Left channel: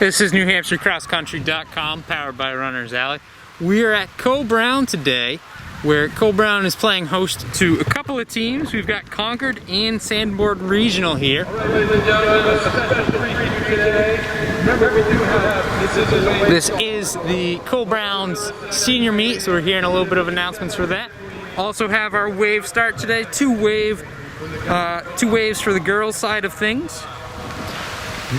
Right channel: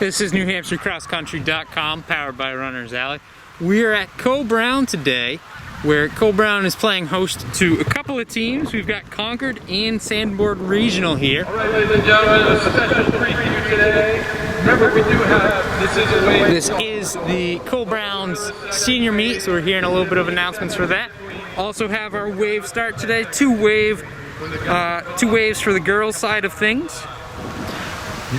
This is NewHampshireCrossCountry.com, powered by Runner's Alley. We are at Co-Brown today, where Co-Brown is playing host to a couple of teams. We've got Concord and Sanborn Regional here. All right, ladies and gentlemen, a special treat for you today. Remember, we do have, this is the Co-Brown's senior meet, so we're hearing a little bit of announcements for that. Also have our wave start today, two waves for the girls' side of things.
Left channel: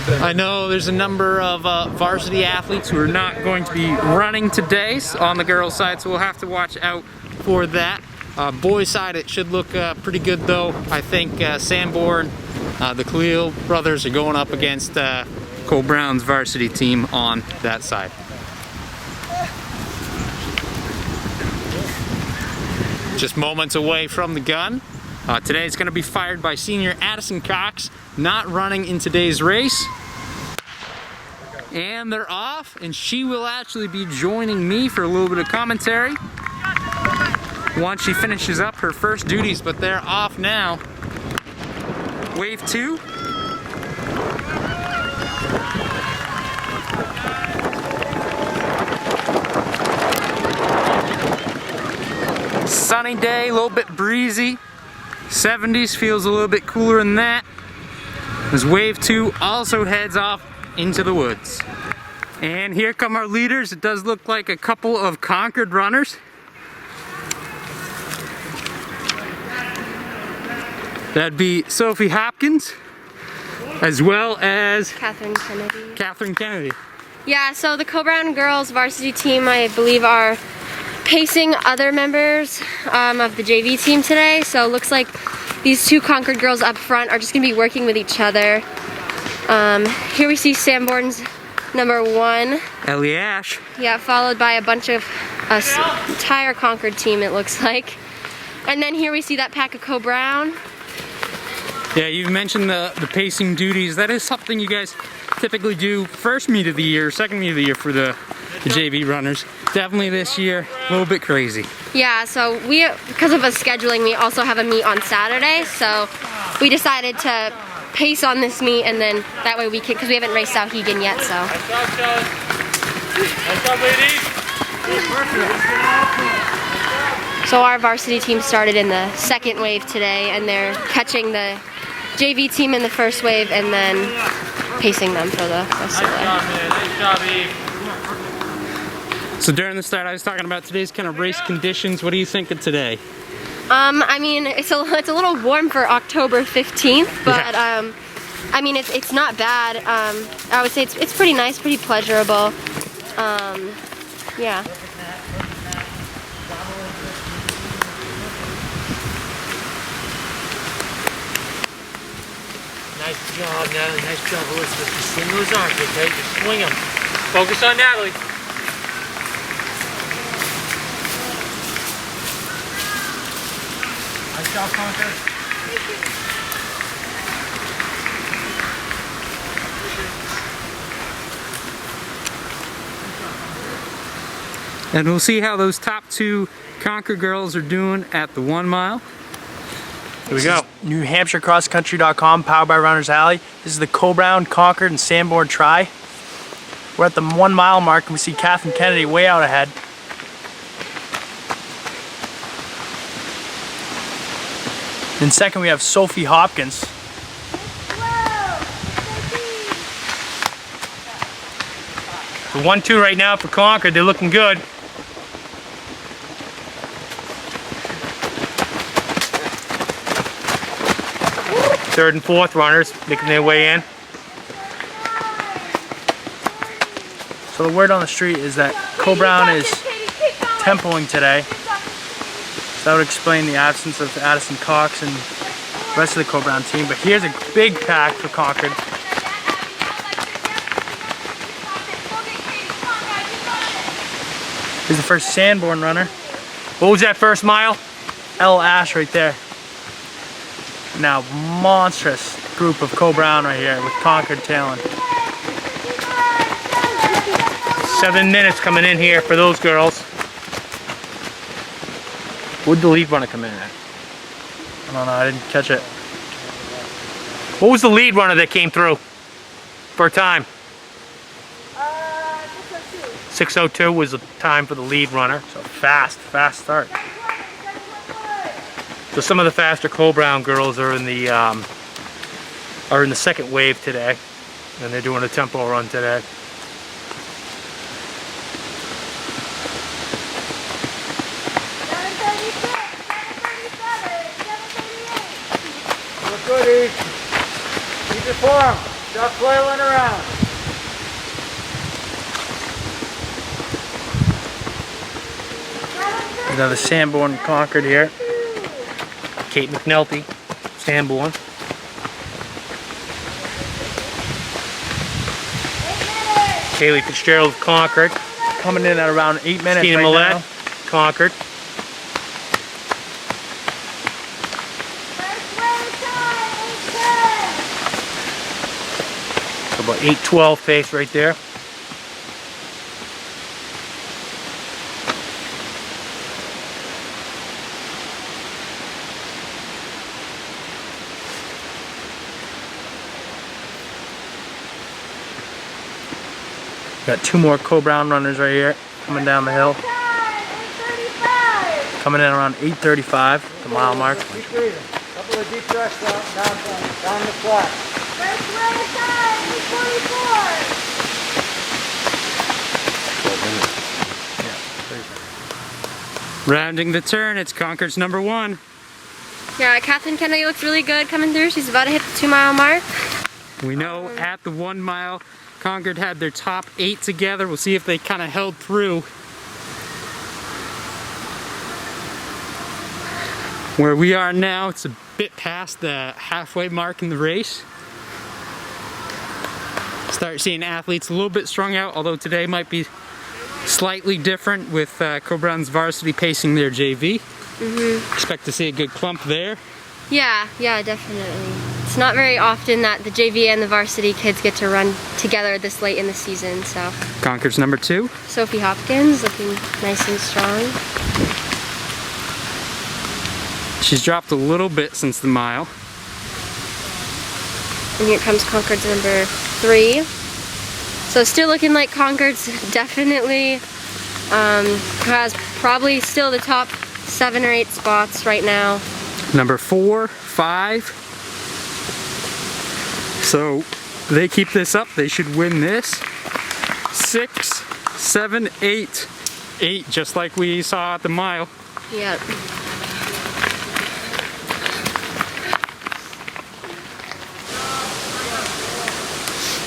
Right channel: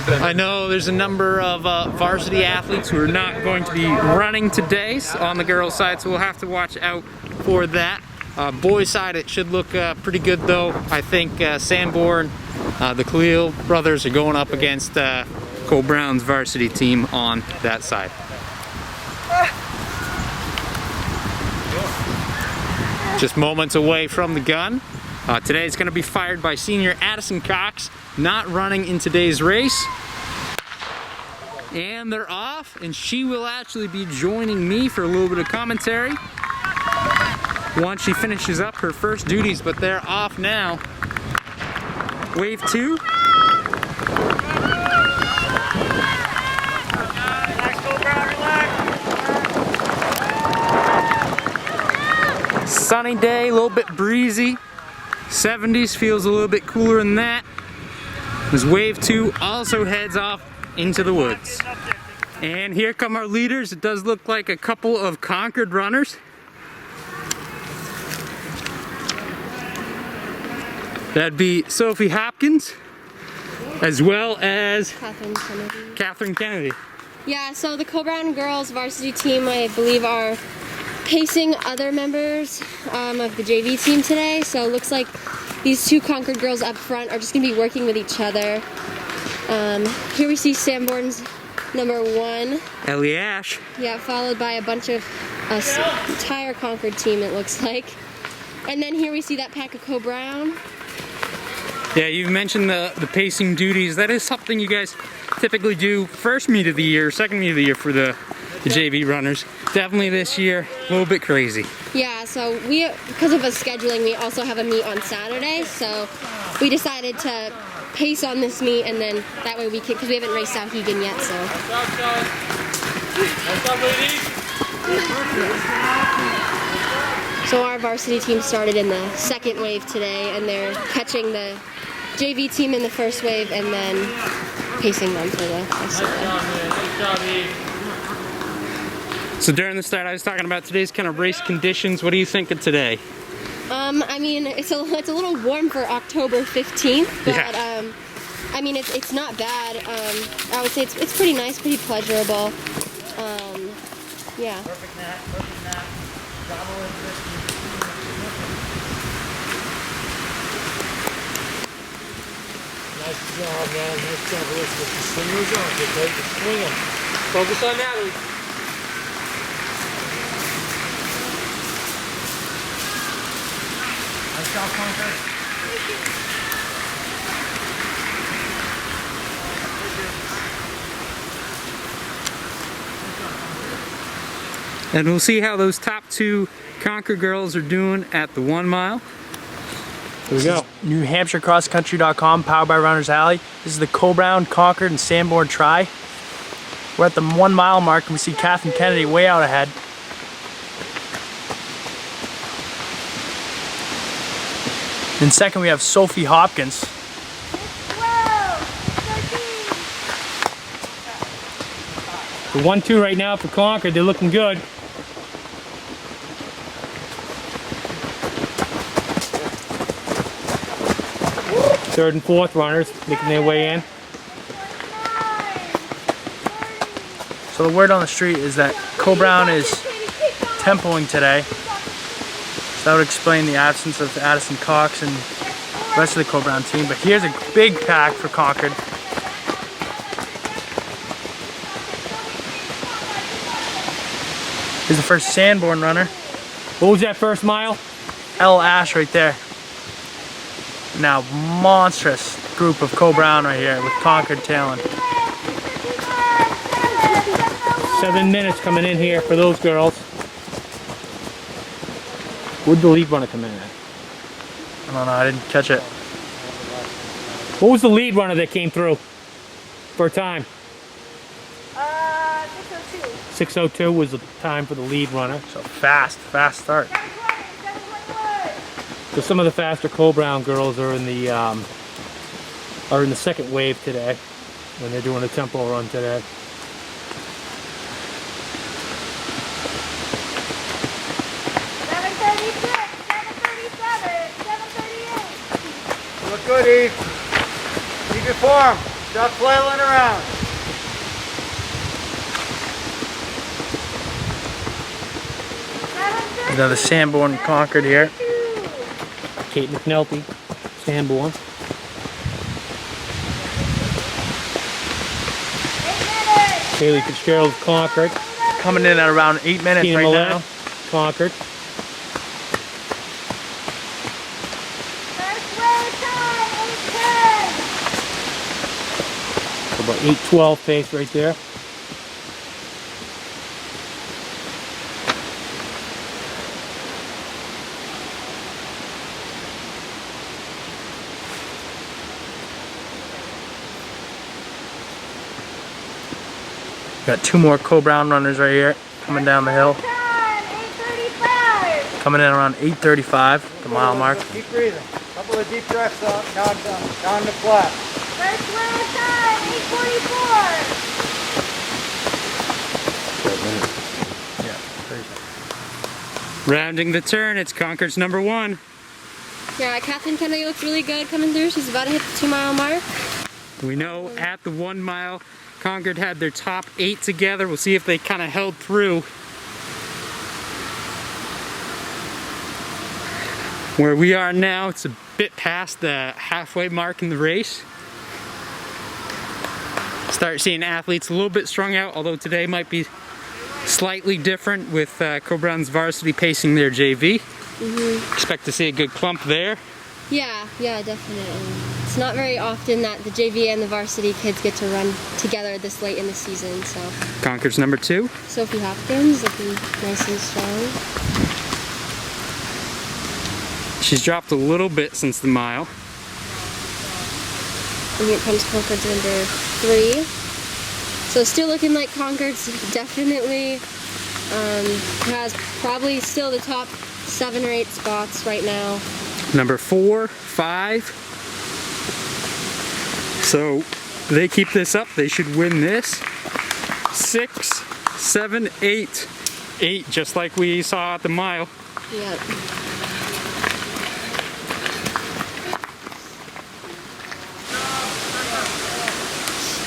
I know there's a number of varsity athletes who are not going to be running today on the girls' side, so we'll have to watch out for that. Boys' side, it should look pretty good though. I think Sanborn, the Khalil brothers are going up against Co-Brown's varsity team on that side. Just moments away from the gun. Today it's going to be fired by senior Addison Cox, not running in today's race. And they're off, and she will actually be joining me for a little bit of commentary once she finishes up her first duties, but they're off now. Wave 2. Sunny day, a little bit breezy. 70s, feels a little bit cooler than that. As wave 2 also heads off into the woods. And here come our leaders. It does look like a couple of Concord runners. That'd be Sophie Hopkins, as well as Catherine Kennedy. Yeah, so the Co-Brown girls varsity team, I believe, are pacing other members of the JV team today. So it looks like these two Concord girls up front are just going to be working with each other. Here we see Sanborn's number 1. Ellie Ash. Yeah, followed by a bunch of entire Concord team, it looks like. And then here we see that pack of Co-Brown. Yeah, you mentioned the pacing duties. That is something you guys typically do first meet of the year, second meet of the year for the JV runners. Definitely this year, a little bit crazy. Yeah, so because of us scheduling, we also have a meet on Saturday, so we decided to pace on this meet, and then that way we can, because we haven't raced Souhegan yet, so. So our varsity team started in the second wave today, and they're catching the JV team in the first wave and then pacing them for the rest of the day. So during the start, I was talking about today's kind of race conditions. What do you think of today? I mean, it's a little warm for October 15th, but yeah. I mean, it's not bad. I would say it's pretty nice, pretty pleasurable. Yeah. Nice job, Natalie. Nice job, Elizabeth. Just swing those arms, okay? Just swing them. Focus on Natalie. Nice job, Concord. And we'll see how those top 2 Concord girls are doing at the 1 mile. Here we go. NewHampshireCrossCountry.com, powered by Runner's Alley. This is the Co-Brown, Concord, and Sanborn try. We're at the 1 mile mark, and we see Catherine Kennedy way out ahead. In second, we have Sophie Hopkins. The 1-2 right now for Concord. They're looking good. Third and fourth runners making their way in. So the word on the street is that Co-Brown is tempoing today. So that would explain the absence of Addison Cox and the rest of the Co-Brown team. But here's a big pack for Concord. Here's the first Sanborn runner. What was that first mile? L. Ash right there. Now, monstrous group of Co-Brown right here with Concord tailing. 7 minutes coming in here for those girls. Where'd the lead runner come in at? I don't know, I didn't catch it. What was the lead runner that came through for a time? 6:02 was the time for the lead runner. So fast start. So some of the faster Cole Brown girls are in the second wave today, and they're doing a tempo run today. Look good, Eve. Keep your form. Stop flailing around. Another Sanborn Concord here. Kate McNulty, Sanborn. Haley Fitzgerald, Concord. Coming in at around 8 minutes Tina right Millette, now. Concord. So about 8:12 pace right there. Got 2 more Cole Brown runners right here coming down the hill. Coming in around 8:35, the mile mark. Keep breathing. Couple of deep breaths out. Down the flat. First wave time, 8:44. Yeah, Rounding the turn, it's Concord's number 1. Yeah, Catherine Kennedy looks really good coming through. She's about to hit the 2 mile mark. We know at the 1 mile, Concord had their top 8 together. We'll see if they kind of held through. Where we are now, it's a bit past the halfway mark in the race. Start seeing athletes a little bit strung out, although today might be slightly different with Cole Brown's varsity pacing their JV. Expect to see a good clump there. Yeah, definitely. It's not very often that the JV and the varsity kids get to run together this late in the season, so. Concord's number 2. Sophie Hopkins looking nice and strong. She's dropped a little bit since the mile. And here comes Concord's number 3. So still looking like Concord's definitely has probably still the top 7 or 8 spots right now. Number 4, 5. So they keep this up, they should win this. 6, 7, 8. 8, just like we saw at the mile. Yeah.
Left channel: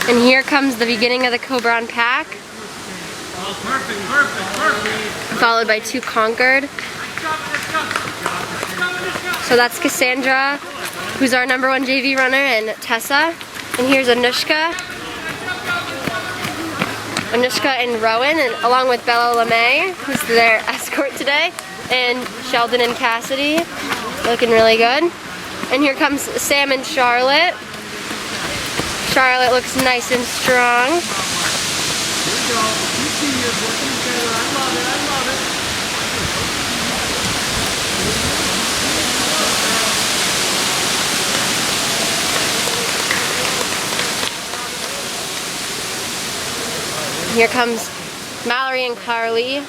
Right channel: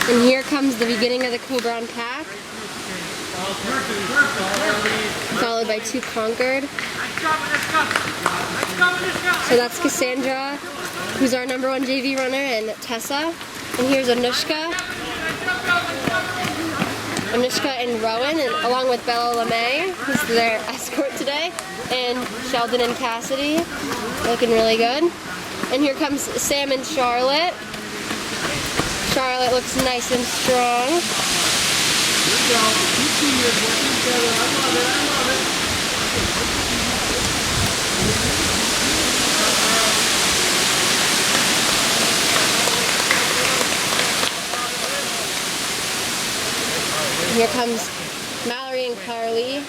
And here comes the beginning of the Cole Brown pack. Followed by 2 Concord. So that's Cassandra, who's our number 1 JV runner, and Tessa. And here's Anushka. Anushka and Rowan, and along with Bella LeMay, who's their escort today, and Sheldon and Cassidy, looking really good. And here comes Sam and Charlotte. Charlotte looks nice and strong. Here comes Mallory and Carly.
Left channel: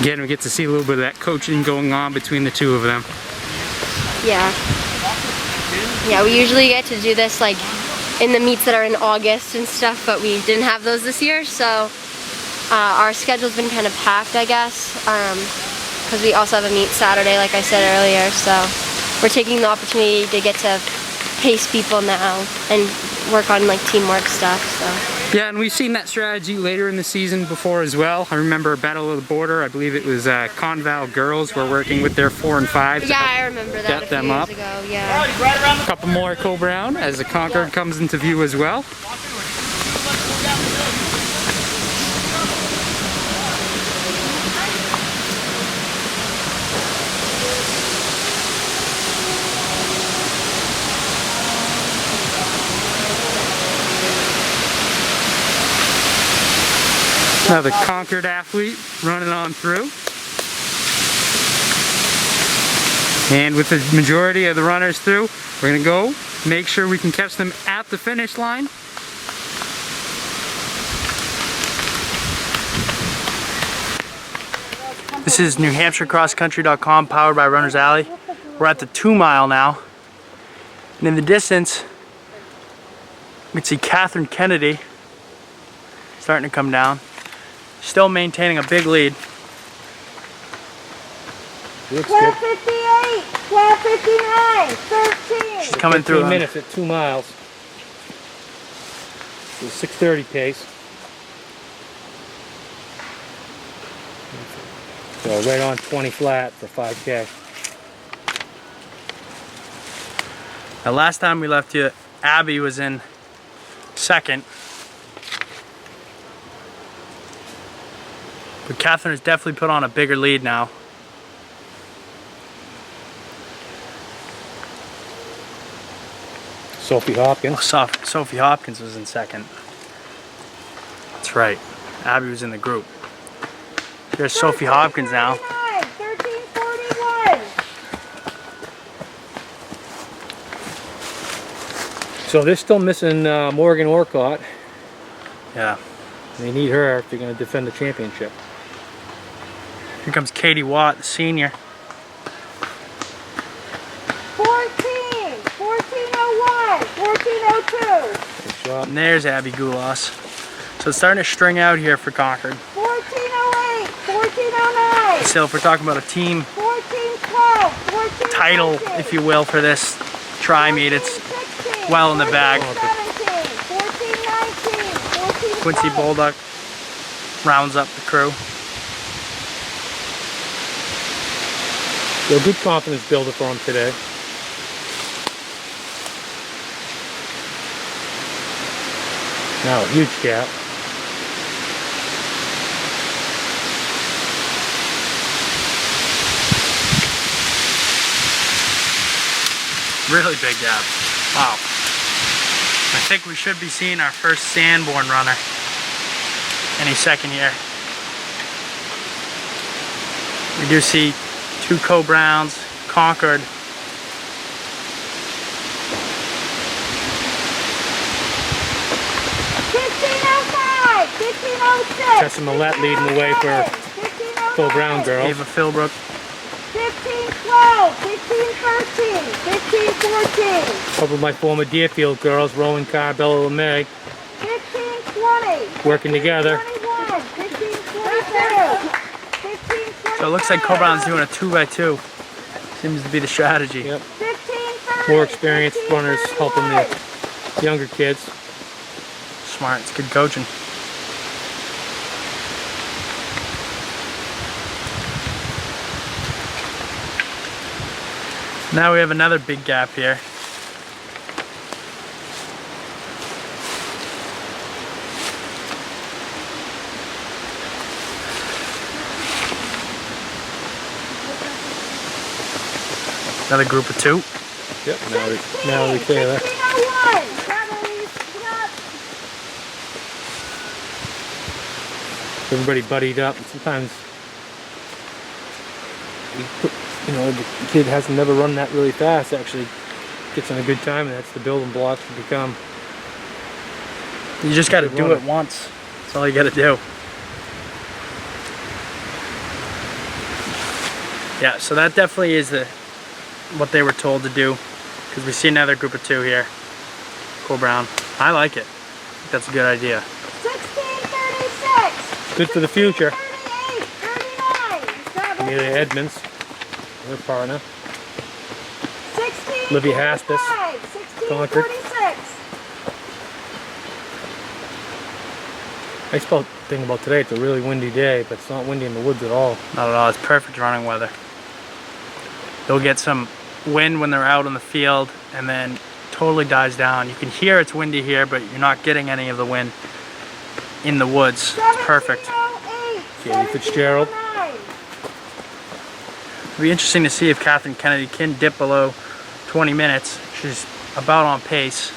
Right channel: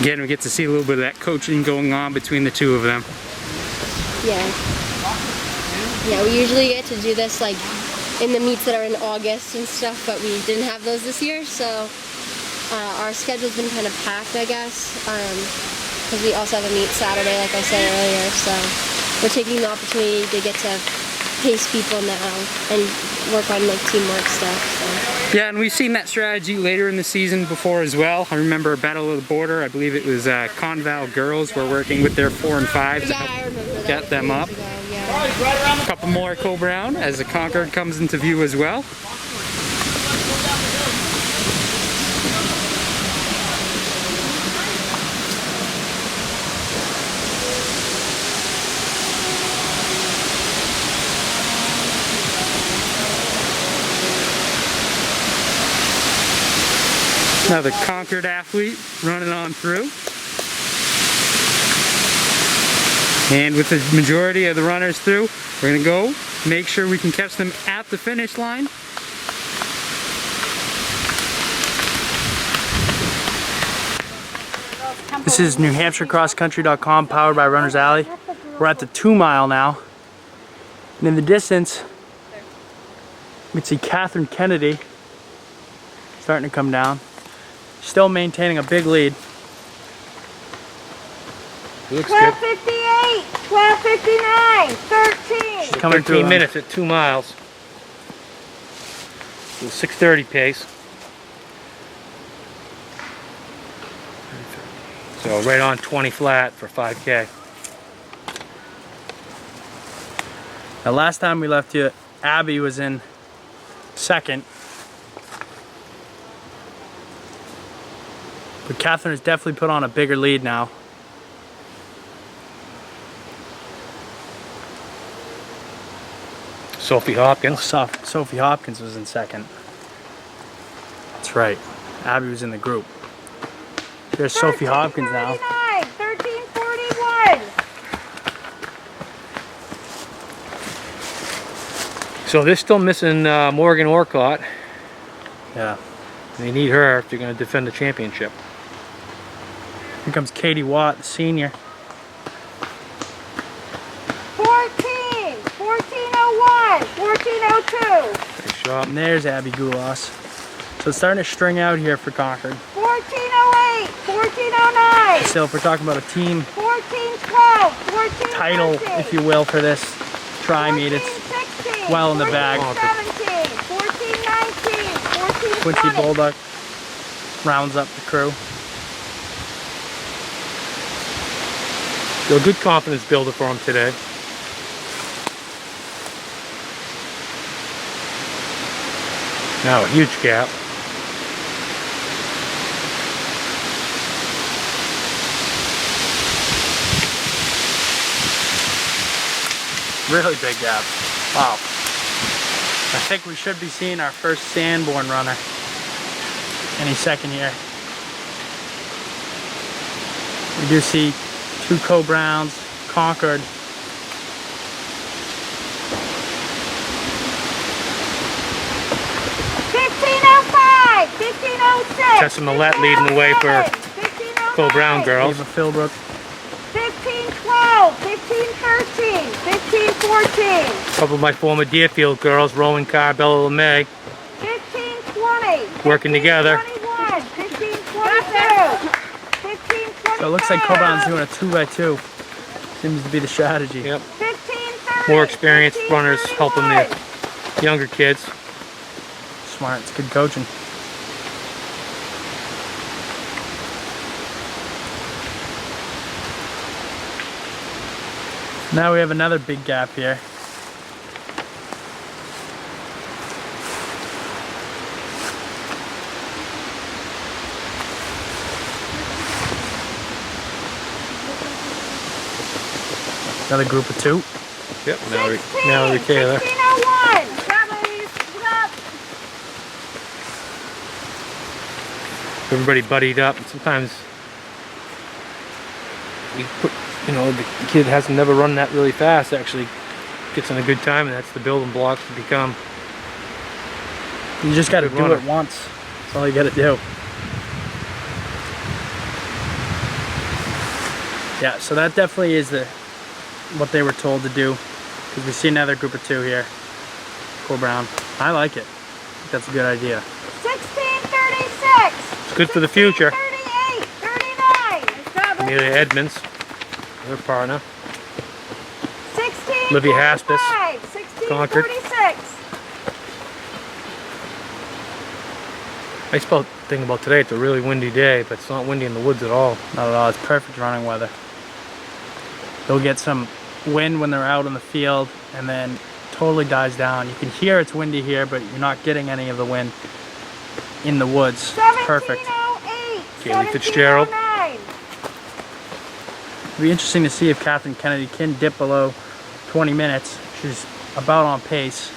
Again, we get to see a little bit of that coaching going on between the 2 of them. Yeah, we usually get to do this like in the meets that are in August and stuff, but we didn't have those this year, so our schedule's been kind of packed, I guess, because we also have a meet Saturday, like I said earlier, so we're taking the opportunity to get to pace people now and work on like teamwork stuff. So. Yeah, and we've seen that strategy later in the season before as well. I remember Battle of the Border. I believe it was Conval girls were working with their 4 and 5 to Yeah, help I remember that get a few them years up. ago, yeah. A couple more Cole Brown as the Concord comes into view as well. Another Concord athlete running on through. And with the majority of the runners through, we're gonna go make sure we can catch them at the finish line This is NewHampshireCrossCountry.com, powered by Runner's Alley. We're at the 2 mile now. And in the distance, you can see Catherine Kennedy starting to come down. Still maintaining a big lead. Looks good. 12:58, 12:59, 13. She's coming through. 13 minutes at 2 miles. With 6:30 pace. So right on 20 flat for 5K. Now, last time we left you, Abby was in second. But Catherine has definitely put on a bigger lead now. Sophie Hopkins. Sophie Hopkins was in second. That's right. Abby was in the group. Here's Sophie Hopkins now. 13:41. So they're still missing Morgan Orcott. Yeah. They need her if they're going to defend the championship. Here comes Katie Watt, the senior. 14, 14:01, 14:02. Nice shot. And there's Abby Goulas. So it's starting to string out here for Concord. 14:08, 14:09. So if we're talking about a team 14:12, 14:13. title, if you will, for this tri-meet, it's well in the bag. 14:17, 14:19, 14:20. Quincy Bolduc rounds up the crew. So a good confidence builder for him today. Now a huge gap. Really big gap. Wow. I think we should be seeing our first Sanborn runner any second here. We do see 2 Co-Browns, Concord. 15:05, 15:06. Tessa Millette leading the way for 15:09, Phil Brown girls. Ava Philbrook. 15:12, 15:13, 15:14. A couple of my former Deerfield girls, Rowan Carr, Bella LeMay, 15:20. working together. 15:21, 15:22. 15:25. So it looks like Co-Brown's doing a 2x2. Seems to be the strategy. Yep. 15:30, More experienced runners helping the younger kids. Smart, it's good coaching. Now we have another big gap here. Another group of 2. Yep. Mallory Taylor. 15:01. Cavalry's up. Everybody buddied up. And sometimes we put, you know, the kid hasn't never run that really fast. Actually gets in a good time, and that's the building blocks to become. You just got to Good do runner. it once. That's all you got to do. Yeah, so that definitely is what they were told to do, because we see another group of 2 here. Cool Brown. I like it. I think that's a good idea. 16:36. Good for the future. 38, 39. Amelia Edmonds, her partner. 16:45, Olivia Haspis, Concord. 16:46. Nice thing about today, it's a really windy day, but it's not windy in the woods at all. Not at all. It's perfect running weather. They'll get some wind when they're out in the field, and then totally dies down. You can hear it's windy here, but you're not getting any of the wind in the woods. It's perfect. 17:08, Kaylee Fitzgerald. 17:09. It'll be interesting to see if Catherine Kennedy can dip below 20 minutes. She's about on pace.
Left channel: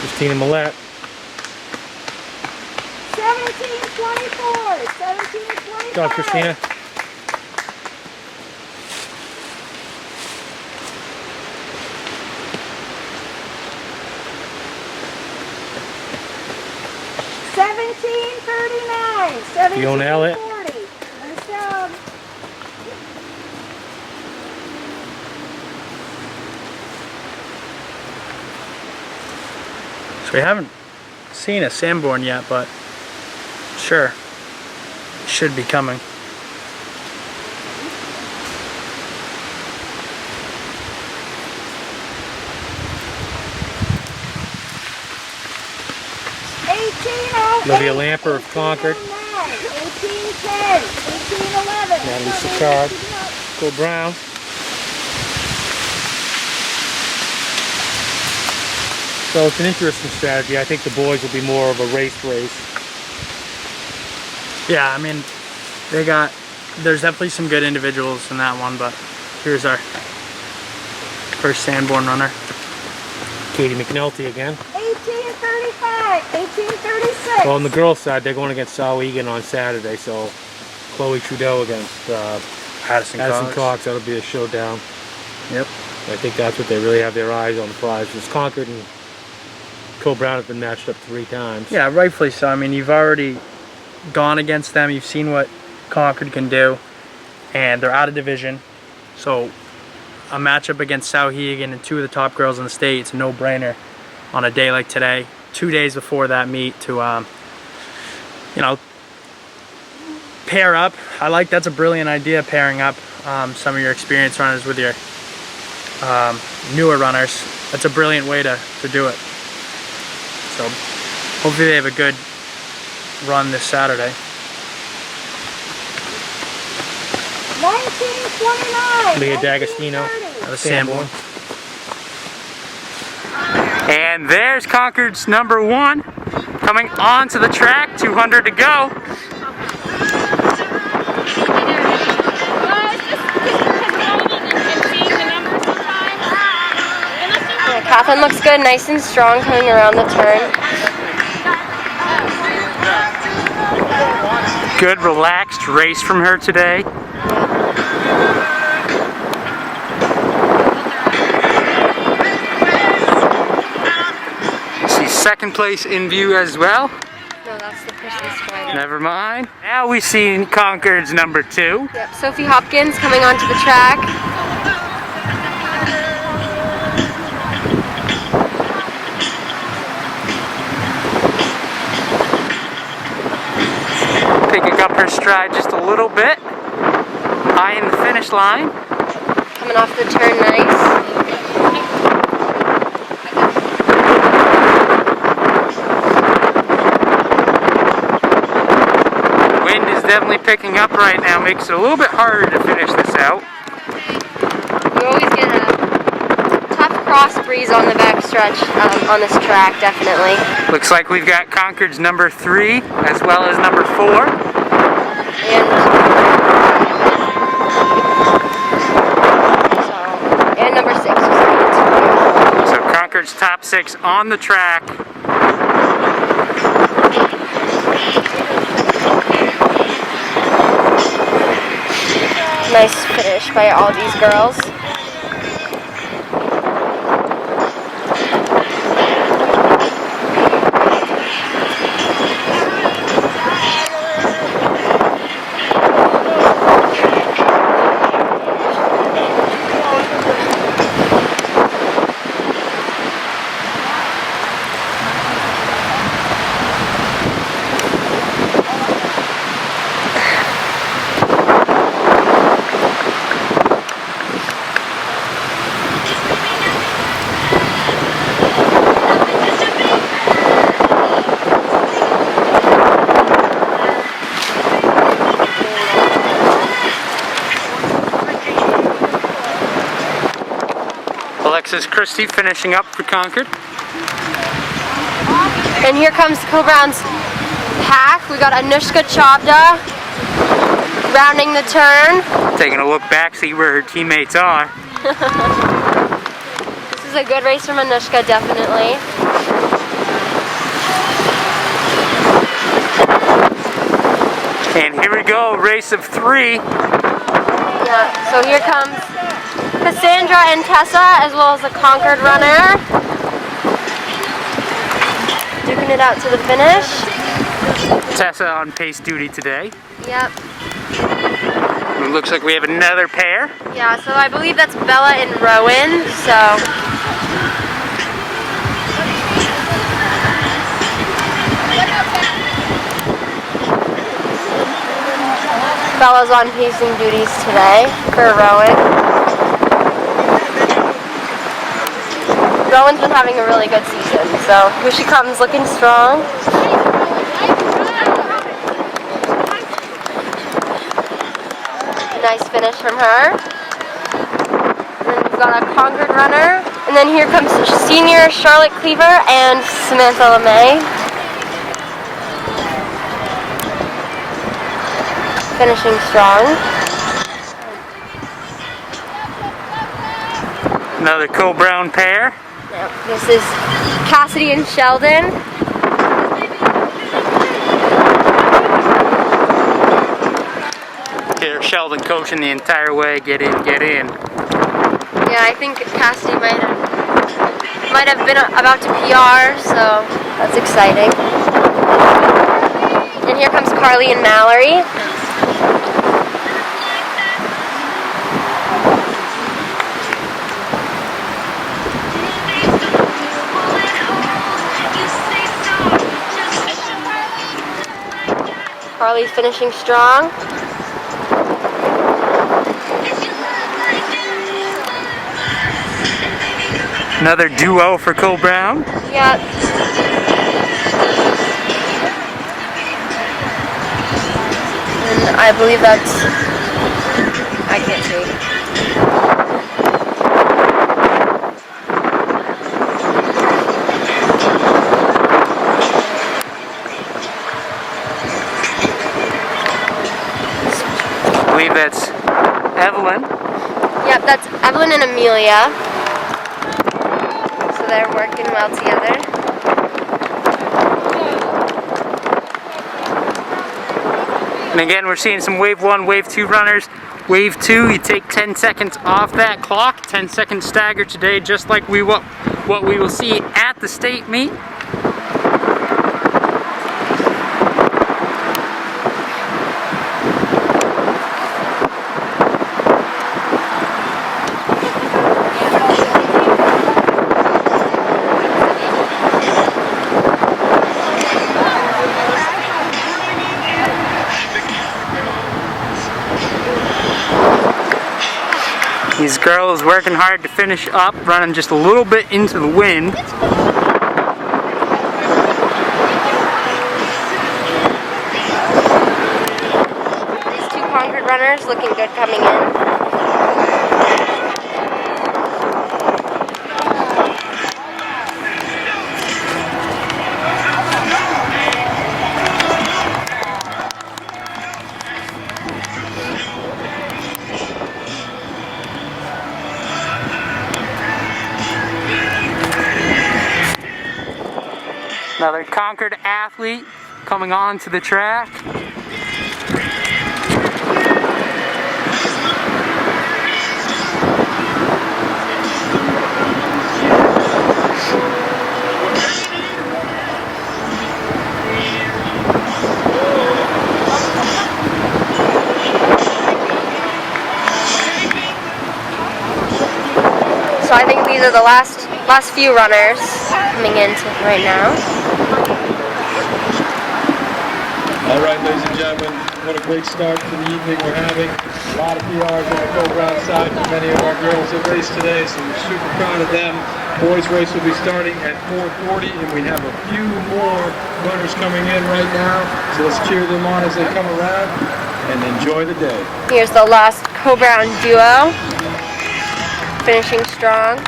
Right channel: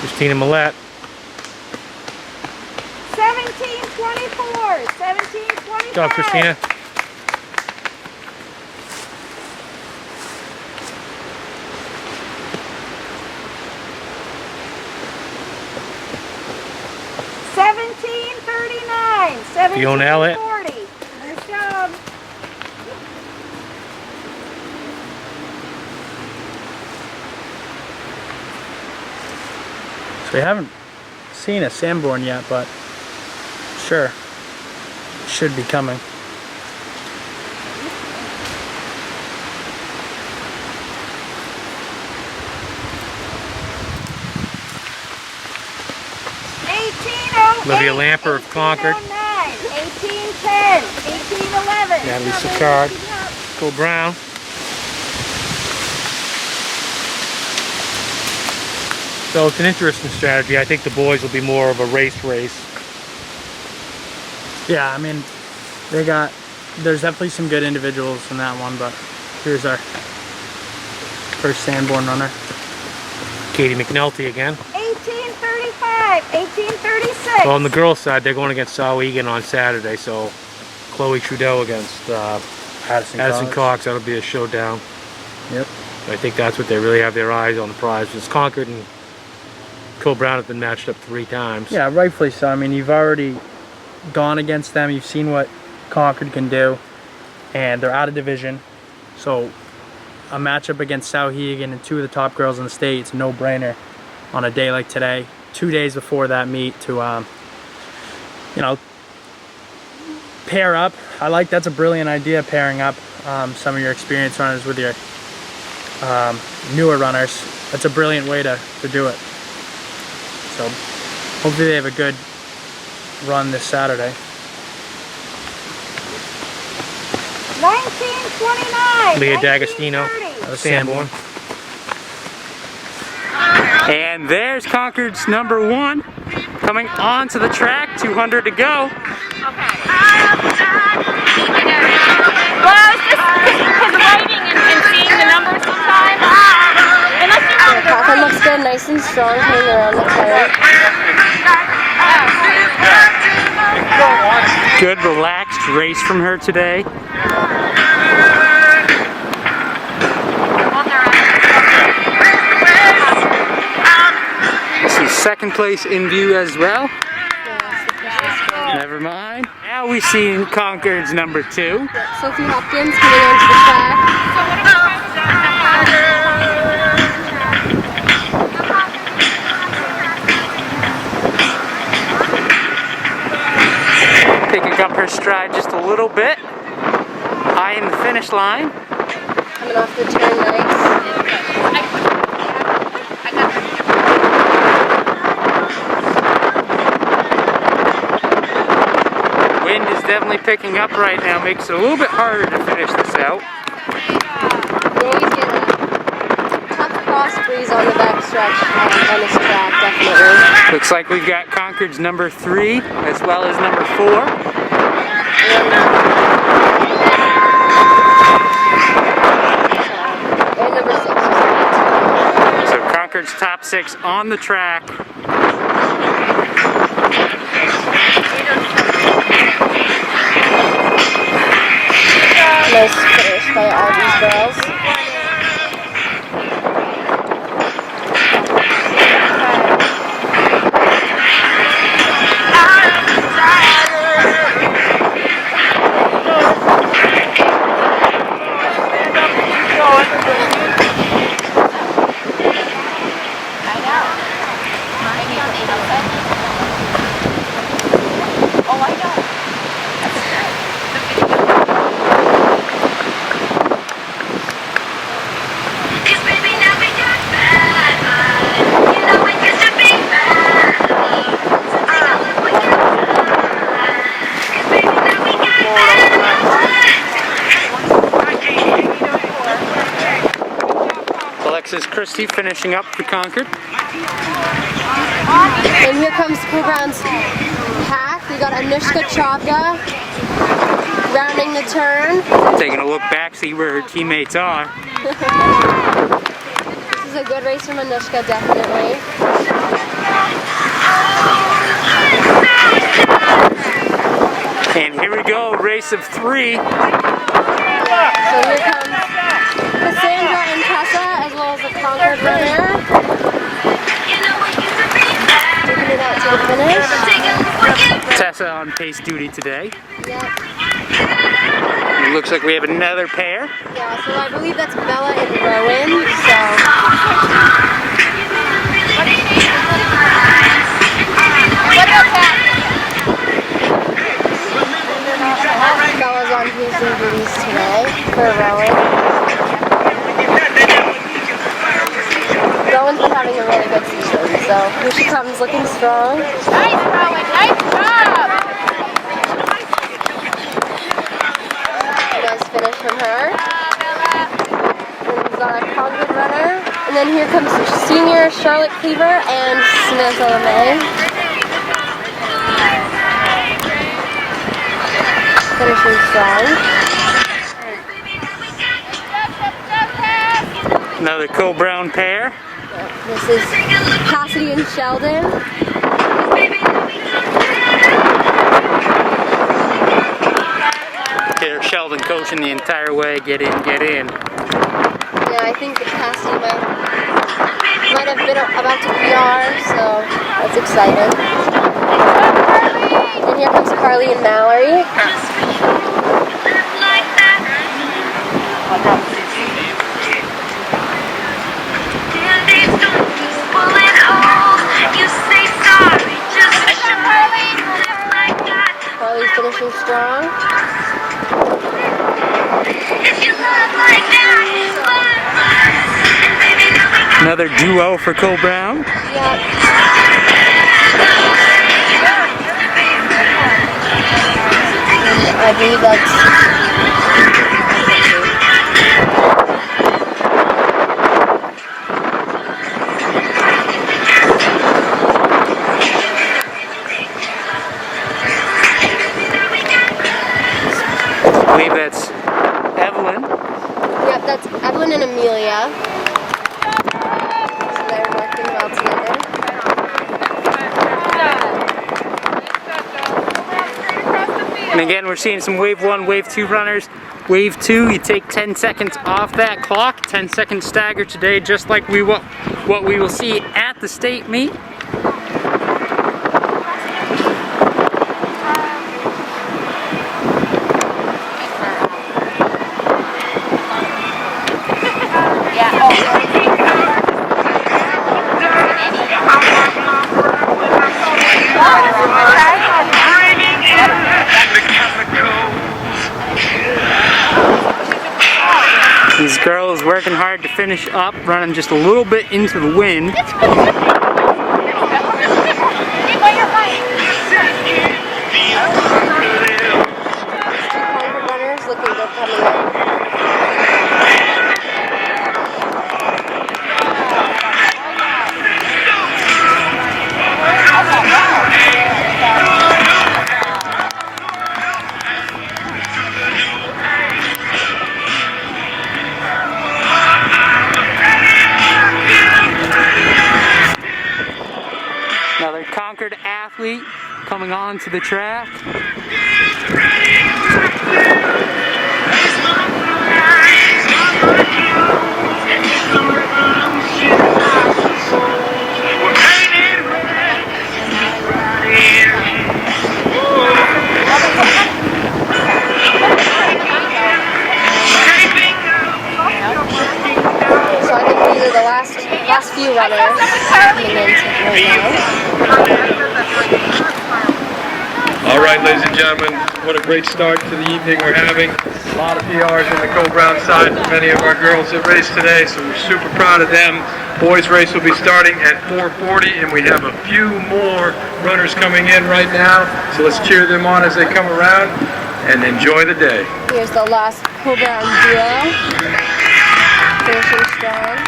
Christina Millette. 17:24, 17:25. Good job, Christina. $17.39, Fiona Elliott. 17:40. Nice job. So we haven't seen a Sanborn yet, but sure, should be coming. Olivia Lamper of Concord. 18:10. 18:11. Natalie Sicard. Cole Brown. So it's an interesting strategy. I think the boys will be more of a race. Yeah, I mean, there's definitely some good individuals in that one, but here's our first Sanborn runner. Katie McNulty again. 18:35. 18:36. Well, on the girls' side, they're going against Sauhegan on Saturday, so Chloe Trudeau against Addison Cox. That'll be a showdown. Yep. I think that's what they really have their eyes on, the prize. Because Concord and Cole Brown have been matched up 3 times. Yeah, rightfully so. I mean, you've already gone against them. You've seen what Concord can do, and they're out of division. So a matchup against Sauhegan and 2 of the top girls in the state, it's a no-brainer on a day like today. 2 days before that meet to, you know, pair up. That's a brilliant idea, pairing up some of your experienced runners with your newer runners. That's a brilliant way to do it. So hopefully they have a good run this Saturday. 19:29. Leah D'Agostino. 19:30. That was Sanborn. And there's Concord's number 1 coming onto the track. 200 to go. Catherine looks good, nice and strong coming around the turn. Good relaxed race from her today. See second place in view as well. No, that's the Christmas one. Never mind. Now we see Concord's number 2. Sophie Hopkins coming onto the track. Picking up her stride just a little bit. High in the finish line. Coming off the turn nice. Wind is definitely picking up right now, makes it a little bit harder to finish this out. You always get a tough cross breeze on the back stretch on this track, definitely. Looks like we've got Concord's number 3 as well as number 4. And number 6 was 8. So Concord's top 6 on the track. Nice finish by all these girls. Alexis Christie finishing up for Concord. And here comes Co-Brown's pack. We got Anushka Chavda rounding the turn. Taking a look back, see where her teammates are. This is a good race from Anushka, definitely. And here we go, race of 3. Yeah, so here comes Cassandra and Tessa, as well as the Concord runner. duking it out to the finish. Tessa on pace duty today. Yep. It looks like we have another pair. Yeah, so I believe that's Bella and Rowan, so. Bella's on pacing duties today for Rowan. Rowan's been having a really good season, so here she comes looking strong. Nice, Rowan. Nice job. Nice finish from her. And then we've got a Concord runner. And then here comes senior Charlotte Cleaver and Samantha LeMay. Finishing strong. Another Cole Brown pair. Yep, this is Cassidy and Sheldon. Here, Sheldon coaching the entire way. Get in, get in. Yeah, I think Cassidy might have been about to PR, so that's exciting. And here comes Carly and Mallory. Carly's finishing strong. Another duo for Cole Brown. Yep. And I believe that's. I can't see. I believe that's Evelyn. Yep, that's Evelyn and Amelia. So they're working well together. And again, we're seeing some wave 1, wave 2 runners. Wave 2, you take 10 seconds off that clock. 10-second stagger today, just like what we will see at the state meet. These girls working hard to finish up, running just a little bit into the wind. These two Concord runners looking good coming in. Another Concord athlete coming on to the track. So I think these are the last few runners coming in right now. All right, ladies and gentlemen, what a great start to the evening we're having. A lot of PRs on the Cole Brown side for many of our girls that raced today, so we're super proud of them. Boys race will be starting at 4:40, and we have a few more runners coming in right now, so let's cheer them on as they come around and enjoy the day. Here's the last Cole Brown duo, finishing strong.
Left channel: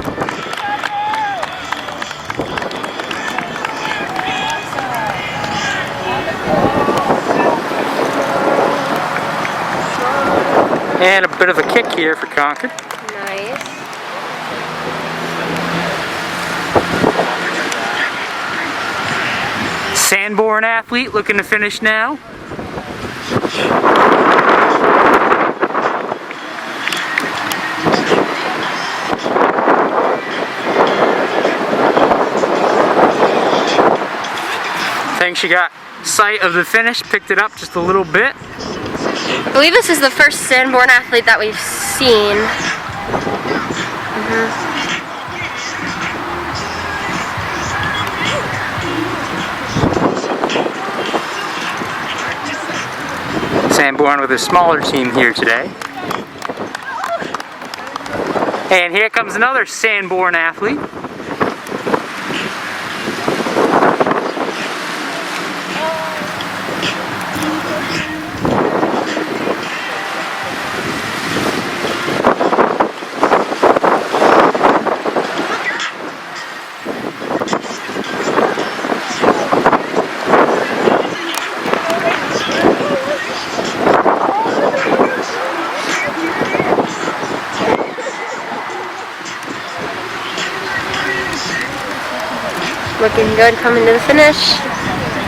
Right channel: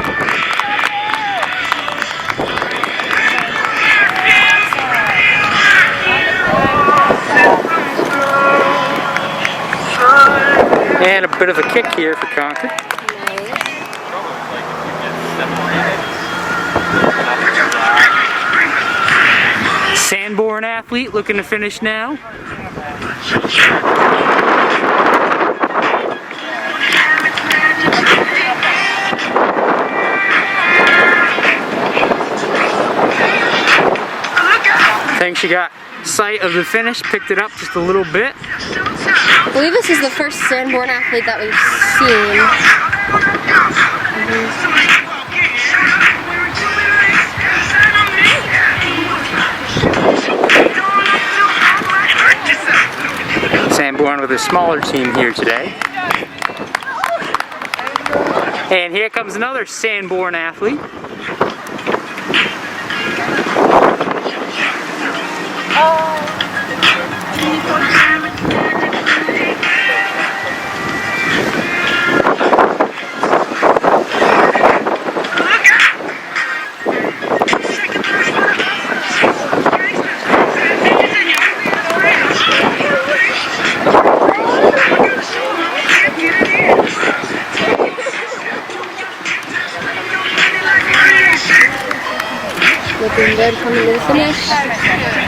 And a bit of a kick here for Concord. Nice. Sanborn athlete looking to finish now. I think she got sight of the finish, picked it up just a little bit. I believe this is the first Sanborn athlete that we've seen. Sanborn with a smaller team here today. And here comes another Sanborn athlete. Looking good coming to the finish.